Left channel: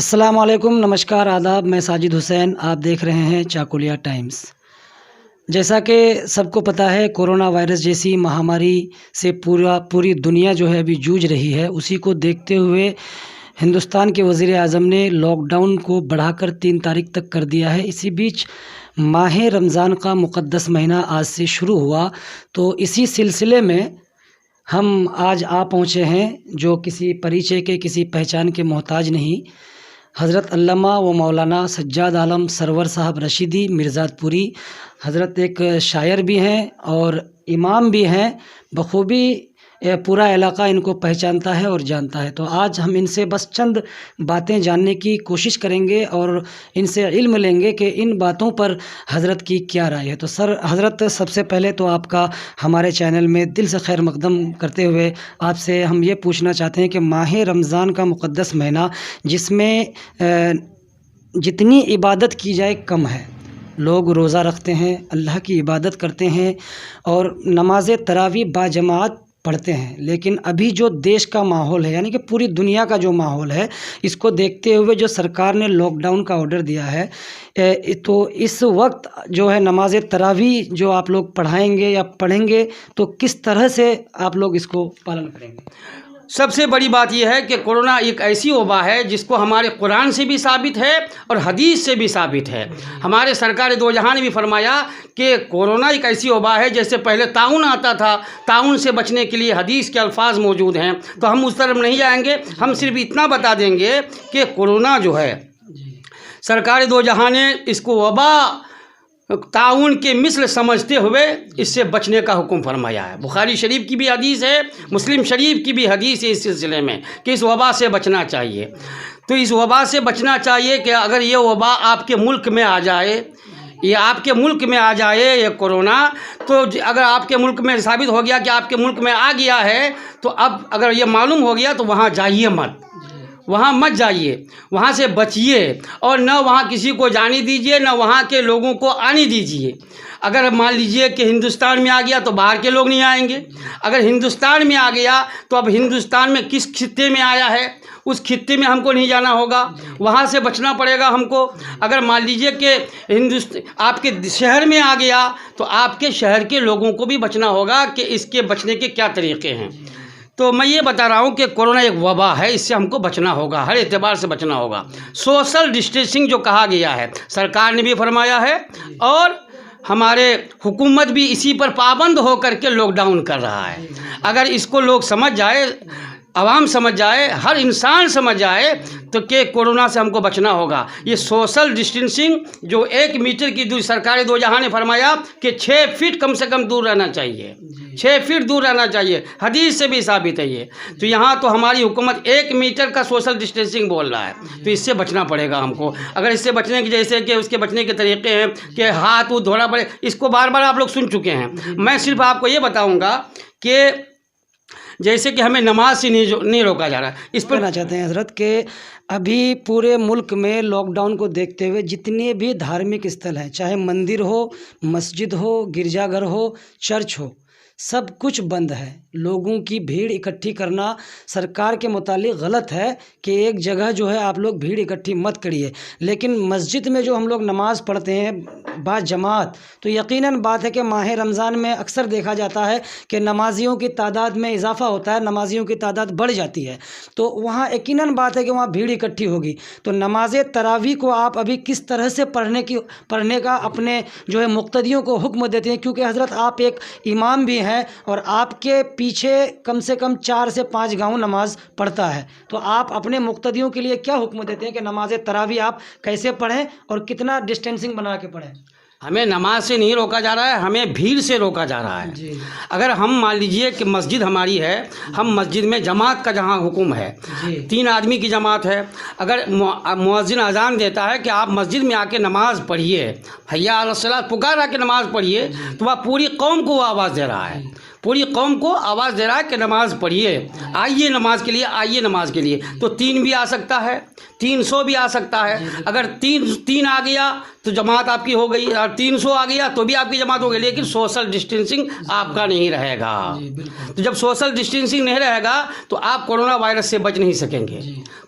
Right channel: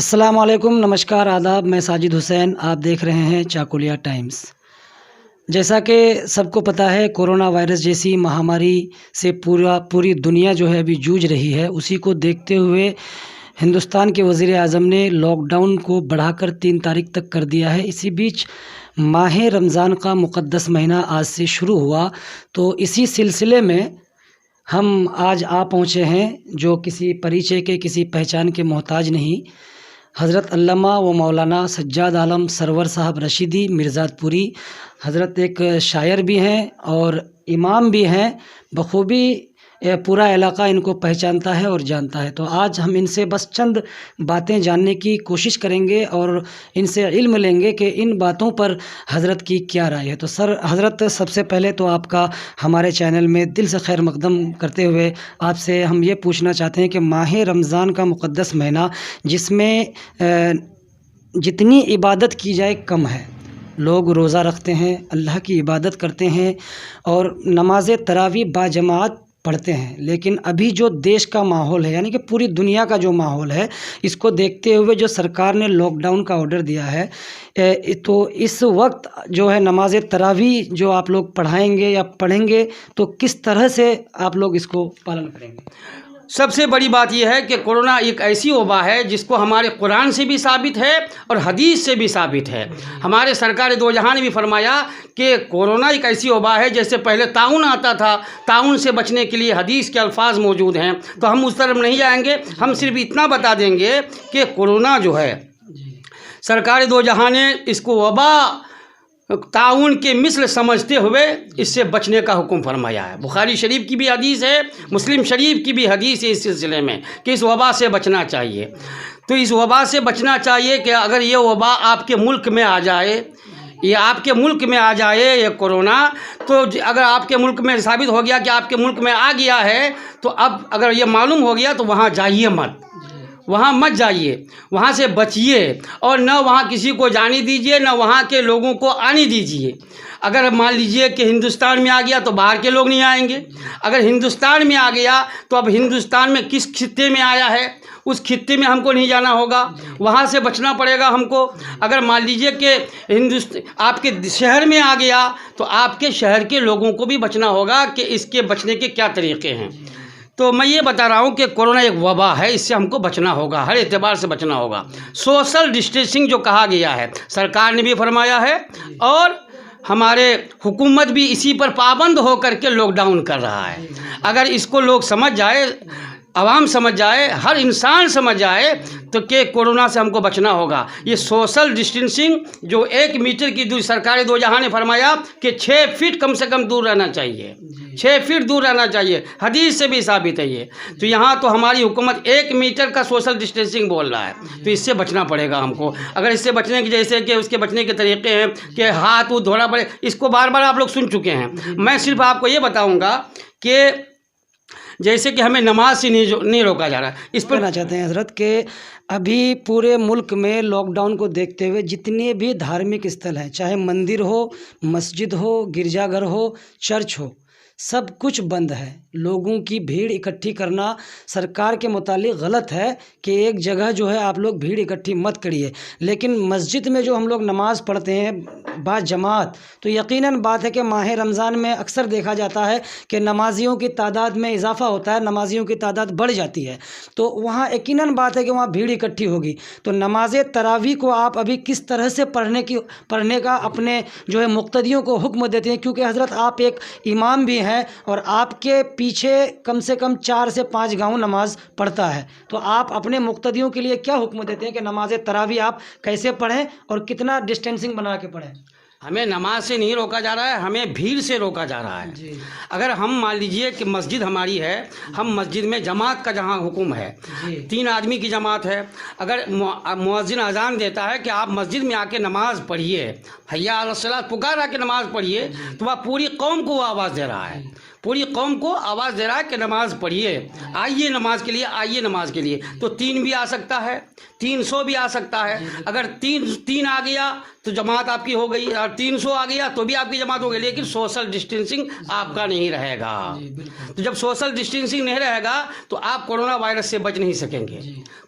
السلام علیکم، نمسکار، آداب۔ میں ساجد حسین، آپ دیکھ رہے ہیں چاکولیا ٹائمز۔ جیسا کہ سب کو پتہ ہے، کورونا وائرس جیسی مہاماری سے پوری دنیا جو ہے ابھی جوجھ رہی ہے۔ اسی کو دیکھتے ہوئے ہندوستان کے وزیر اعظم نے لاک ڈاؤن کو بڑھا کر 3 تاریخ تک کر دیا ہے۔ اسی بیچ ماہ رمضان کا مقدس مہینہ آج سے شروع ہوا، تو اسی سلسلے میں ہم آج پہنچے ہیں، جو کسی پریچے کے، کسی پہچان کے محتاج نہیں۔ حضرت علامہ و مولانا سجاد عالم سرور صاحب رشیدی مرزاد پوری حضرت ایک شاعر بھی ہیں اور امام بھی ہیں، بخوبی پورا علاقہ ان کو پہچانتا ہے اور جانتا ہے۔ تو آج ہم ان سے بس چند باتیں جاننے کی کوشش کریں گے اور ان سے علم لیں گے کہ ان باتوں پر حضرت کی کیا رائے ہے۔ تو حضرت، سب سے پہلے تو آپ کا ہمارے چینل میں دل سے خیر مقدم کرتے ہوئے آپ سے ہم یہ پوچھنا چاہتے ہیں کہ ماہ رمضان کا مقدس مہینہ، جس میں جتنی عبادت کی جائے کم ہے، لوگ روزہ رکھتے ہیں، اللہ کی عبادت کرتے ہیں اور نماز تراویح باجماعت پڑھتے ہیں، لیکن ابھی جو دیش کا ماحول ہے، یعنی کہ پوری دنیا کا جو ماحول ہے، اس کو دیکھتے ہوئے جو سرکار نے لاک ڈاؤن کا آرڈر دیا ہے، تو اس وقت جو ہے نماز تراویح جو آپ لوگ پڑھائیں گے یا پڑھیں گے، تو کس طرح سے آپ لوگ اس کو پالن کریں گے؟ سب سے بڑی بات یہ ہے کہ کورونا ایک ایسی وبا ہے جس کو ہمارے قرآن سے بھی ثابت ہے اور حدیث سے بھی ثابت ہے۔ ہمارے سرکار دو جہاں نے بھی فرمایا کہ کورونا ایک ایسی وبا ہے، جیسے پہلے طاعون آتا تھا، طاعون سے بچنے کے لیے حدیث کے الفاظ موجود ہیں، تو ہم اس طرف نہیں جائیں گے۔ ہم صرف اتنا بتا دیں گے کہ کورونا جو ہے، سرکار دو جہاں نے اس کو وبا طاعون کے مثل سمجھتے ہوئے اس سے بچنے کا حکم فرمایا ہے۔ بخاری شریف کی بھی حدیث ہے، مسلم شریف کی بھی حدیث ہے اس سلسلے میں کہ اس وبا سے بچنا چاہیے۔ تو اس وبا سے بچنا چاہیے کہ اگر یہ وبا آپ کے ملک میں آ جائے، یہ کورونا، تو اگر آپ کے ملک میں ثابت ہو گیا کہ آپ کے ملک میں آ گیا ہے، تو اب اگر یہ معلوم ہو گیا تو وہاں جائیے مت، وہاں مت جائیے، وہاں سے بچیے، اور نہ وہاں کسی کو جانے دیجیے، نہ وہاں کے لوگوں کو آنے دیجیے۔ اگر مان لیجیے کہ ہندوستان میں آ گیا تو باہر کے لوگ نہیں آئیں گے۔ اگر ہندوستان میں آ گیا تو اب ہندوستان میں کس خطے میں آیا ہے، اس خطے میں ہم کو نہیں جانا ہوگا، وہاں سے بچنا پڑے گا ہم کو۔ اگر مان لیجیے کہ آپ کے شہر میں آ گیا تو آپ کے شہر کے لوگوں کو بھی بچنا ہوگا کہ اس کے بچنے کے کیا طریقے ہیں۔ تو میں یہ بتا رہا ہوں کہ کورونا ایک وبا ہے، اس سے ہم کو بچنا ہوگا، ہر اعتبار سے بچنا ہوگا۔ سوشل ڈسٹینسنگ جو کہا گیا ہے، سرکار نے بھی فرمایا ہے اور ہمارے حکومت بھی اسی پر پابند ہو کر کے لاک ڈاؤن کر رہا ہے۔ اگر اس کو لوگ سمجھ جائے، عوام سمجھ جائے، ہر انسان سمجھ جائے تو کہ کورونا سے ہم کو بچنا ہوگا۔ یہ سوشل ڈسٹینسنگ جو 1 میٹر کی دوری، سرکار دو جہاں نے فرمایا کہ 6 فٹ کم سے کم دور رہنا چاہیے، 6 فٹ دور رہنا چاہیے، حدیث سے بھی ثابت ہے یہ۔ تو یہاں تو ہماری حکومت 1 میٹر کا سوشل ڈسٹینسنگ بول رہا ہے، تو اس سے بچنا پڑے گا ہم کو۔ اگر اس سے بچنے کی، جیسے کہ اس کے بچنے کے طریقے ہیں کہ ہاتھ دھونا پڑے، اس کو بار بار آپ لوگ سن چکے ہیں۔ میں صرف آپ کو یہ بتاؤں گا کہ جیسے کہ ہمیں نماز سے نہیں روکا جا رہا ہے، اس پر کہنا چاہتے ہیں حضرت کہ ابھی پورے ملک میں لاک ڈاؤن کو دیکھتے ہوئے جتنے بھی دھارمک استھل ہیں، چاہے مندر ہو، مسجد ہو، گرجا گھر ہو، چرچ ہو، سب کچھ بند ہے۔ لوگوں کی بھیڑ اکٹھی کرنا سرکار کے متعلق غلط ہے کہ ایک جگہ جو ہے آپ لوگ بھیڑ اکٹھی مت کریے، لیکن مسجد میں جو ہم لوگ نماز پڑھتے ہیں با جماعت، تو یقیناً بات ہے کہ ماہ رمضان میں اکثر دیکھا جاتا ہے کہ نمازیوں کی تعداد میں اضافہ ہوتا ہے، نمازیوں کی تعداد بڑھ جاتی ہے، تو وہاں یقیناً بات ہے کہ وہاں بھیڑ اکٹھی ہوگی۔ تو نماز تراویح کو آپ ابھی کس طرح سے پڑھنے کا اپنے جو ہے مقتدیوں کو حکم دیتے ہیں؟ کیونکہ حضرت آپ ایک امام بھی ہیں اور آپ کے پیچھے کم سے کم 4 سے 5 گاؤں نماز پڑھتا ہے، تو آپ اپنے مقتدیوں کے لیے کیا حکم دیتے ہیں کہ نماز تراویح آپ کیسے پڑھیں اور کتنا ڈسٹینسنگ بنا کے پڑھیں؟ ہمیں نماز سے نہیں روکا جا رہا ہے، ہمیں بھیڑ سے روکا جا رہا ہے۔ اگر ہم مان لیجئے کہ مسجد ہماری ہے، ہم مسجد میں جماعت کا جہاں حکم ہے، 3 آدمی کی جماعت ہے، اگر مؤذن اذان دیتا ہے کہ آپ مسجد میں آ کے نماز پڑھیے، حی علی الصلاۃ پکار آ کے نماز پڑھیے، تو وہ پوری قوم کو وہ آواز دے رہا ہے، پوری قوم کو آواز دے رہا ہے کہ نماز پڑھیے، آئیے نماز کے لیے، آئیے نماز کے لیے۔ تو 3 بھی آ سکتا ہے، 300 بھی آ سکتا ہے۔ اگر 3 آ گیا تو جماعت آپ کی ہو گئی، اور 300 آ گیا تو بھی آپ کی جماعت ہو گئی، لیکن سوشل ڈسٹینسنگ آپ کا نہیں رہے گا۔ تو جب سوشل ڈسٹینسنگ نہیں رہے گا تو آپ کورونا وائرس سے بچ نہیں سکیں گے۔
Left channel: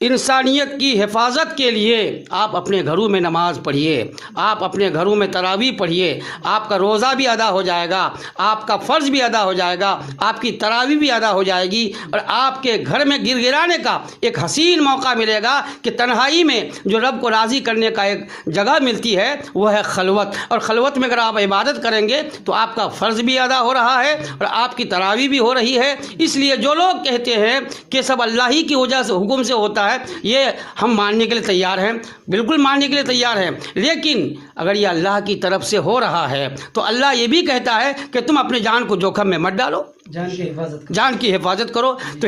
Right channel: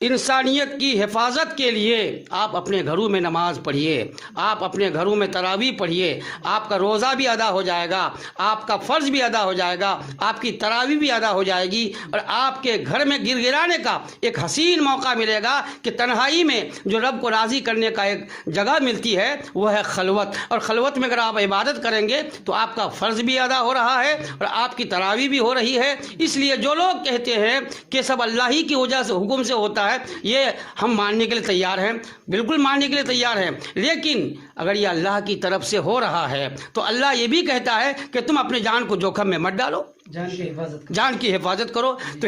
انسانیت کی حفاظت کے لیے آپ اپنے گھروں میں نماز پڑھیے، آپ اپنے گھروں میں تراویح پڑھیے، آپ کا روزہ بھی ادا ہو جائے گا، آپ کا فرض بھی ادا ہو جائے گا، آپ کی تراویح بھی ادا ہو جائے گی، اور آپ کے گھر میں گر گرانے کا ایک حسین موقع ملے گا کہ تنہائی میں جو رب کو راضی کرنے کا ایک جگہ ملتی ہے وہ ہے خلوت، اور خلوت میں اگر آپ عبادت کریں گے تو آپ کا فرض بھی ادا ہو رہا ہے اور آپ کی تراویح بھی ہو رہی ہے۔ اس لیے جو لوگ کہتے ہیں کہ سب اللہ ہی کی وجہ سے حکم سے ہوتا ہے، یہ ہم ماننے کے لیے تیار ہیں، بالکل ماننے کے لیے تیار ہیں، لیکن اگر یہ اللہ کی طرف سے ہو رہا ہے تو اللہ یہ بھی کہتا ہے کہ تم اپنے جان کو جوخم میں مت ڈالو، جان کی حفاظت کرو۔ تو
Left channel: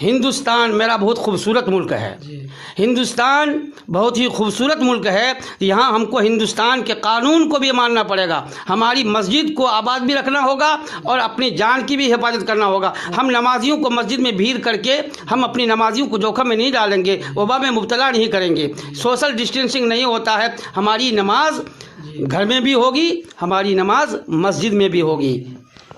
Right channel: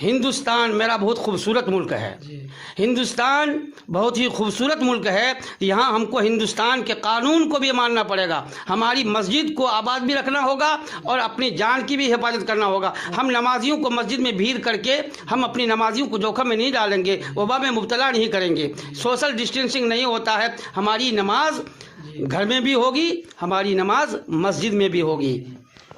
ہندوستان میرا بہت خوبصورت ملک ہے، ہندوستان بہت ہی خوبصورت ملک ہے۔ یہاں ہم کو ہندوستان کے قانون کو بھی ماننا پڑے گا، ہماری مسجد کو آباد بھی رکھنا ہوگا اور اپنی جان کی بھی حفاظت کرنا ہوگا۔ ہم نمازیوں کو مسجد میں بھیڑ کر کے ہم اپنی نمازیوں کو جوخم میں نہیں ڈالیں گے، وبا میں مبتلا نہیں کریں گے، سوشل ڈسٹینسنگ نہیں ہوتا ہے۔ ہماری نماز گھر میں بھی ہوگی، ہماری نماز مسجد میں بھی ہوگی۔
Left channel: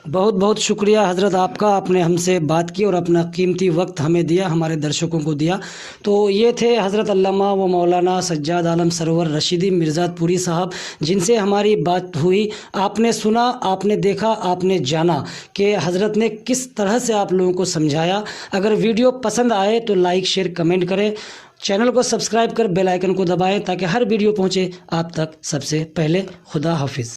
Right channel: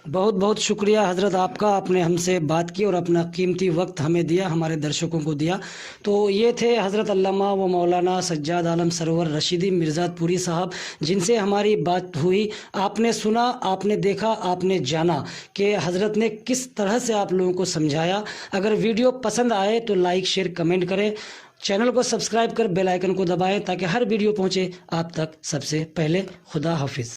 بہت بہت شکریہ حضرت آپ کا، آپ نے ہم سے بات کی اور اپنا قیمتی وقت ہمیں دیا، ہمارے درشکوں کو دیا۔ تو یہ تھے حضرت علامہ و مولانا سجاد عالم سرور رشیدی مرزاد پوری صاحب، جن سے ہماری بات ہوئی۔ آپ نے سنا، آپ نے دیکھا، آپ نے جانا کہ حضرت نے کس طرح سے آپ لوگوں کو سمجھایا۔ اگر ویڈیو پسند آئے تو لائک شیئر کمنٹ کریں، چینل کو سبسکرائب کر بیل آئیکن کو دبائیں تاکہ ہر ویڈیو پہنچے آپ تک سب سے پہلے۔ خدا حافظ۔